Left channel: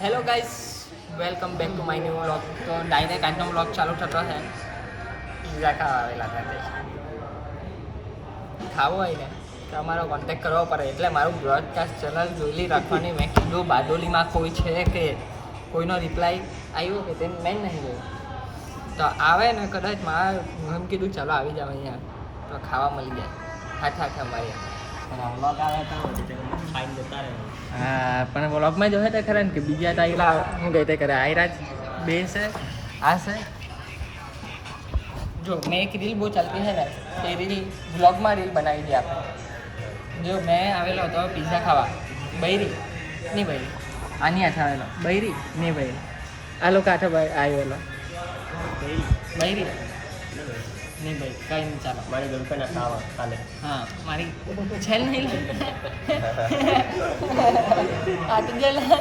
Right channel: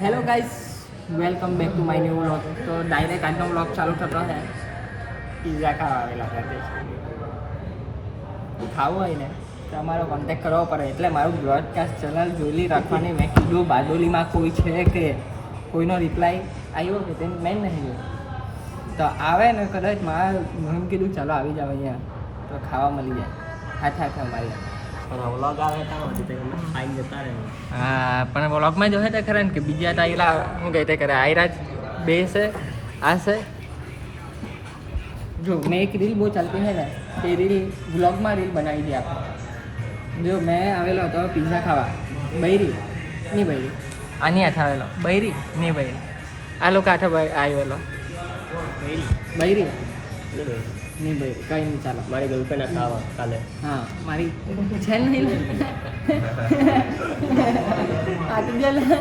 Hello guys, welcome back to my new vlog. તો direct આજનો vlog ચાલુ થતો છે. પિઝા ખાવા આવેલા હતા. ખાવું હોય ને તો અમારો કોન્ટેક્ટ કરવો પડે. એટલે મારું બ્રોડકાસ્ટ ચેનલ જોઈ રાખવાની. મેં કીધું બારડોલીમાં કોઈ છે કે કોઈનો રિપ્લાય આવ્યો કે તે મેં નહીં જોયું. તો આવે ને કદાચ મારે એમ કીધું ચાલો આવી જાવ અહીંયા તો ખાવા મળી જાય. હાથે હાથે અમારી વ્લોગ આવે ખાઈને જતા રહે. હા, પણ વ્લોગમાં જોવે છે ખરા ને કે બીજા ટાઈલા કહે તે કરે આયરા બે છે આ છે. જો મેં એક રીલ બહુ ચાલતી છે ને તો એ રીલ વ્લોગમાં રીલ બનાવી દે આપણે. જો મેં આવેલો હતો પિઝા ખાવા, બૈરી નહીં બૈરી આની હાથે આવેલો, બૈરી નહીં બૈરી આ લોકો હાથે આવેલો બૈરી નહીં બૈરી કંઈ નહીં ચાલો. મારી ગર્લફ્રેન્ડ ખાવા કાલે. હા, મારી છે નહીં આટલા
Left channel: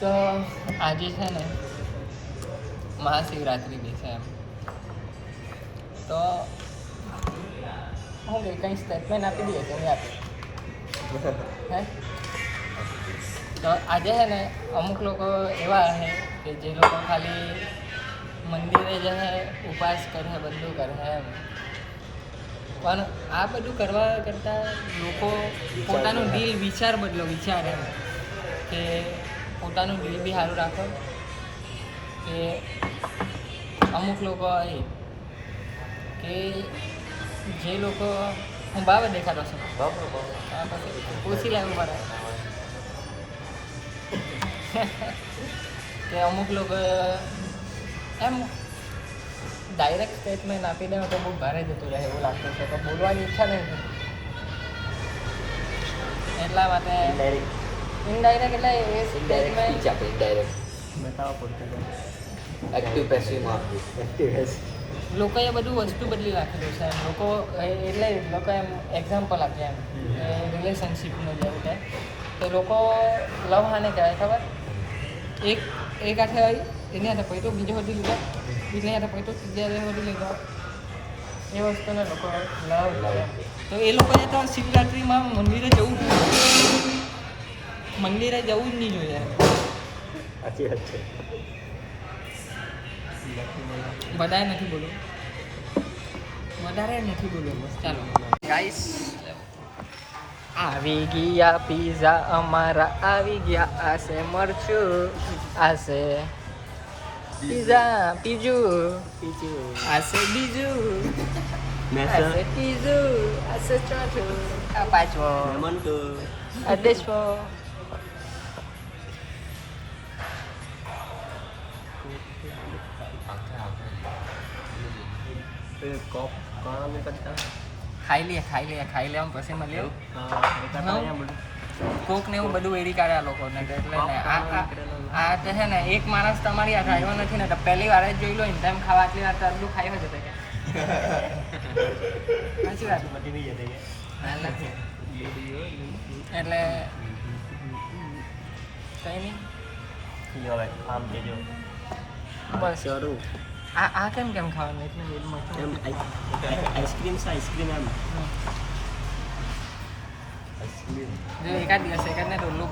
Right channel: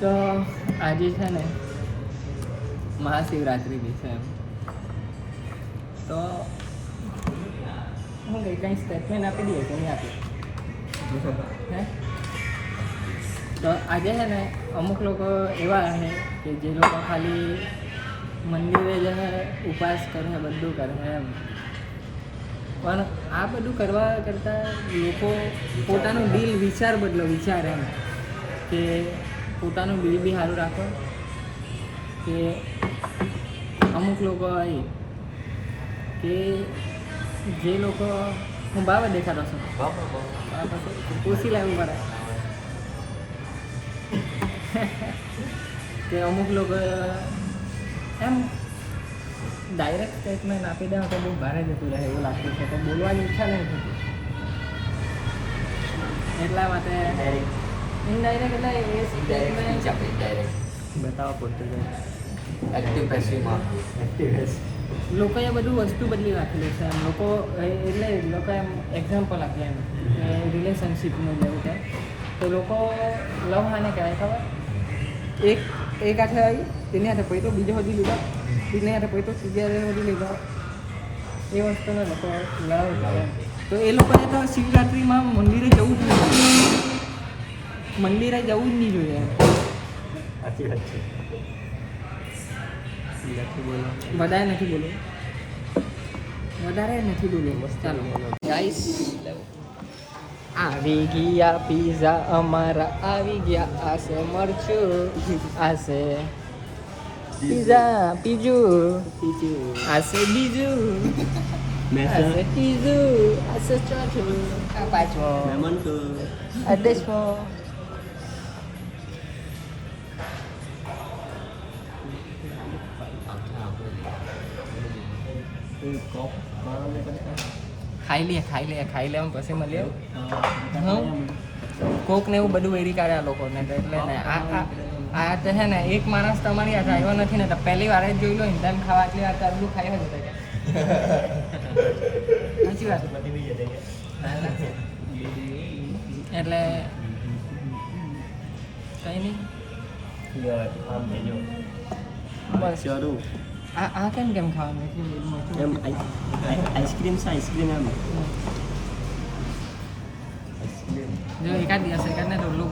તો આજે છે ને મહાશિવરાત્રિ દિવસે એમ તો હું કંઈ સ્ટેટમેન્ટ આપી દઈએ કે નહીં આપે હે. તો આજે છે ને અમુક લોકો એવા છે કે જે લોકો ખાલી મંદિરે જે છે ઉપવાસ કરે બધું કરે એમ, પણ આ બધું કરવા કરતાં લોકો પોતાનું દિલ વિચાર બદલો વિચાર એમ કે પોતાનું દિલ બી સારું રાખો. કે અમુક લોકો હોય કે જે લોકો હું બાબત દેખાડો છું ઓછી લાવવું પડે કે અમુક લોકો એમ ડાયરેક્ટ સ્ટેટમેન્ટ આપી દે તો બહુ ભારે જતું રહે એવું લાગતું છે. તો બોલવાની ઈચ્છા નહીં થતી એટલા માટે ઇનડાયરેક્ટ એટલે એ સ્ટેટમેન્ટ બતાવવા પડતું એક્ટિવ પેસિવમાં એક્ટિવ લોકોએ બધું વસ્તુ બદલી રાખેલું છે એમ. લોકો એટલે લોકો એમ એક્ઝામ્પલ આપે એમ રિલેશનશિપનું જેમ કે તો લોકો લવ હાને કહેવાય ખબર, એક હાથે આવી તેની હાથે પૈતો બીજો બધું લીધા, બીજને હાથે પૈતો ત્રીજા બધું લીધા, એ વસ્તુને લોકો લવ લાવે. તો એ લોકોએ તો શિવરાત્રિમાં મંદિરે જવું જ નહીં જોઈએ, મંદિરે જવું જ નહીં જોઈએ. સાચી વાત છે. વધારે નથી બોલું, વધારે નથી બોલું. ચાલો ગાઈસ, આવી ગયા પિઝા અમારા આવી ગયા. આશે મરચું, આશે પિઝા પીજું, આશે બીજું, આશે ત્રીજું, આશે ચોથું, આ પાંચમો, આ દસમો. ખાઈ લે પછી મળીએ. કોક ને એવું બધું વેરી કાઢે આ લોકોને એટલે ને આ તો છે ને એક માણસ તમારી હાથે આવ્યો નથી ને તો પહેલી વાર જ જોઈ લો ને તેમ ખાવા આટલી વાર આટલું ખાઈ હોય કે સાચી વાત. એટલે કઈ નહીં બસ આ કેમ ખાવાનું એમ આઈસ્ક્રીમ છે, આઈસ્ક્રીમ એમ જો એકાદ દિવસ એકાદને રોલું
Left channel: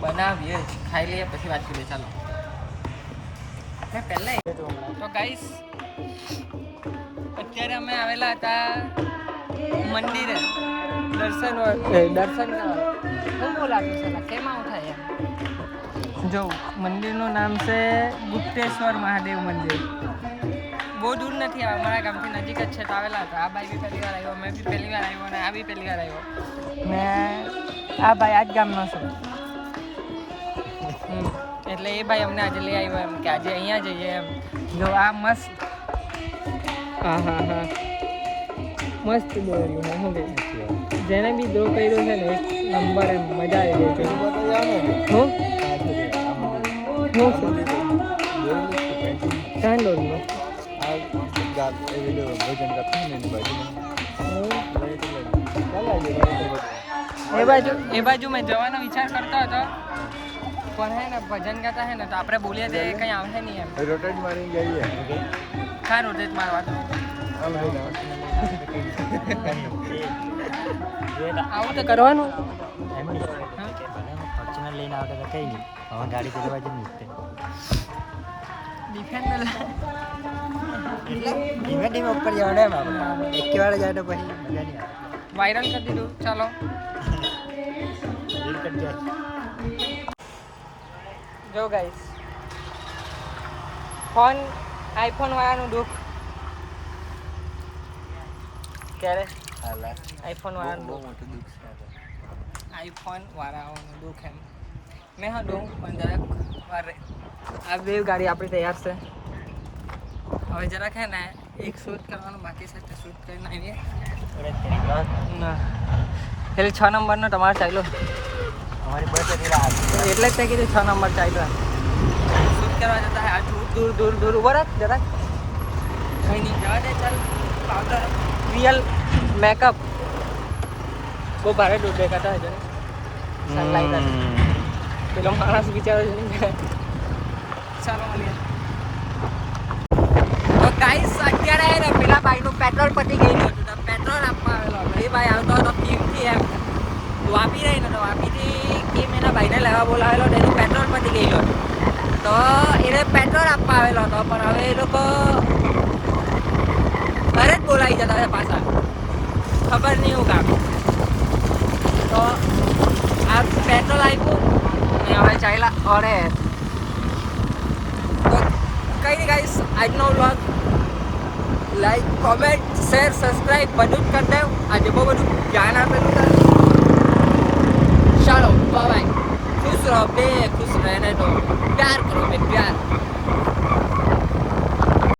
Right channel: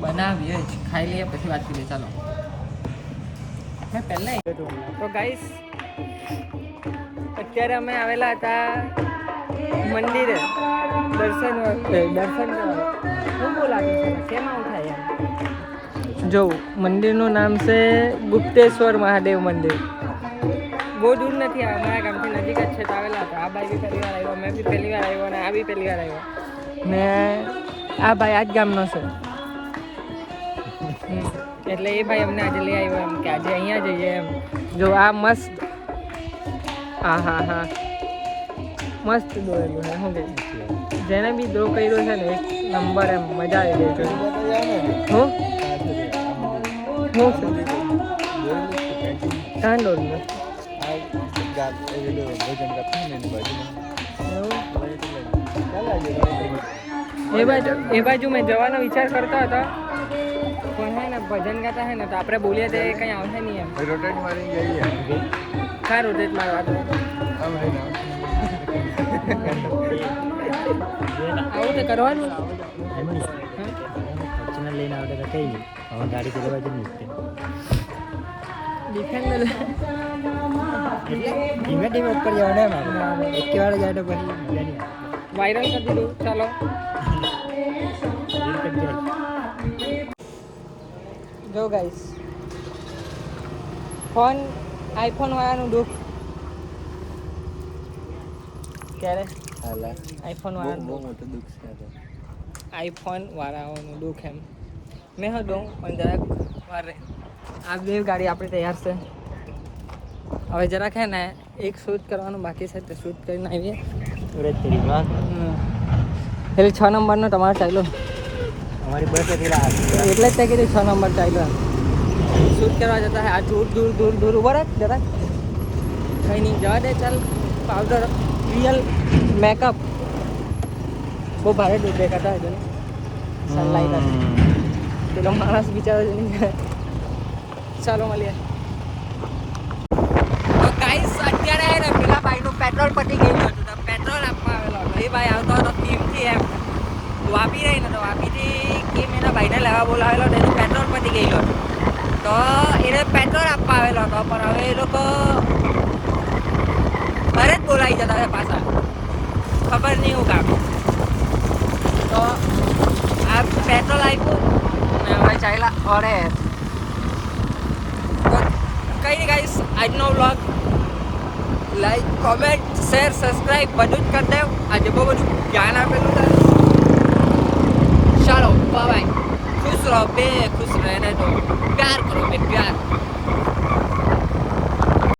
બનાવીએ જ ખાઈ લઈએ પછી વાત કરીએ. ચાલો મેં પહેલાં તો ગાઈસ અત્યારે અમે આવેલા હતા મંદિરે દર્શન કરવા. શું બહુ લાગે છે કેમ આવું થાય એમ. જો મંદિરનું નામ છે ગુપ્તેશ્વર મહાદેવ મંદિર. બહુ દૂર નથી, અમારા ગામથી નજીક જ છે. તો આવેલા હતા. આ ભાઈ બી પહેલી વાર આવ્યો, મેં બી પહેલી વાર આવ્યો ને આ બી પહેલી વાર આવ્યો ને આ ભાઈ આ જ ગામનો છે. એટલે એ ભાઈ અમને આજે લઈ આવ્યો એમ કે આજે અહીંયા જઈએ એમ. જો આ મસ્ત હા મસ્ત દોરેલું છે. શું કહે જેને બી ડ્રો કર્યો છે ને એક નંબર એમ મજા આવી જાય છે. કાં દોરેલું એ બાજુ મેં જવાનો વિચાર કરતો હતો પણ હે ને ભજન ગાતા હે ને તો આપણે બોલીએ તે કંઈ આવશે નહીં એમ. સારું તે મારવા તો કરવાનું એમાં હા ફોર્ચ્યુનર લઈને આવતા તો કઈ નહીં હવે ગાડી પેલી બાજુ નીકળે ડિફેન્ડર એટલે ધીમે ધીમે ઉપર જવાનું એમ આપણે એક વાર જાય તો પછી મજા નહીં આવે વાયરલ કરી દીધું ચાલો રીલ કટ જાય જો ગાઈસ ફોન આઈફોન વાળાનું દુઃખ ક્યારે હાલા આઈફોન બહુ વાળાનું મોટું દુઃખ છે આ તો આઈફોન વાળાઓનું દુઃખ એમ મેં હતો પણ જરાક વાર રહે આ બે ગાડી આપણી તૈયાર છે હવે જરાક હે ને એક શૂટ કરવાનું બાકી છે તે શૂટ કરીને આવીએ અરે તેરી માં એટલે 6 નંબરનો તમારે ચાલ્યો અમારી બસ હતી લા એટલે જ તે કીધું 6 નંબર ચાલ્યો એમ શૂટ કરવા જતા આ દૂર દૂર દૂર દૂર ઉભો રાખ જરાક કંઈ નહીં જવા દે ચાલ પાવડર રિયલ મેકઅપ બહુ ભારે દૂર દેખાતા હજુ સનલાઇટ હતી પેલો માણસ બિચારો છે નહીં ચાલો મળીએ તો ગાઈસ અત્યારે ને પેલા ભાઈનું પેટ્રોલ પતી ગયું હતું તો પેટ્રોલ આપવા આવેલો હતો એ ભાઈ આવતો હતો કીમથી એમ વાપી રહી ને તો વાપીથી કીમ એના ભાઈને લેવા બોલાવેલો તો એનું પેટ્રોલ પતી ગયું હતું તો એને પેટ્રોલ આપવા આવેલો હતો પણ હવે એ લોકો ઘરે જ બોલાવી જતા હતા પાછા ખબર નહીં એવું કામ તો આ પેટ્રોલ આપ્યું ને હવે ચાલ્યા અરે કઈ નહીં ગાઈસ આજનો vlog like comment share subscribe બધું જ કરી દેવ આજે બહુ બધું જ્ઞાન આપેલું છે ચાલો બાય ખુશ રહો બે ખુશ રહે તો પ્યાર કરો બે પ્યાર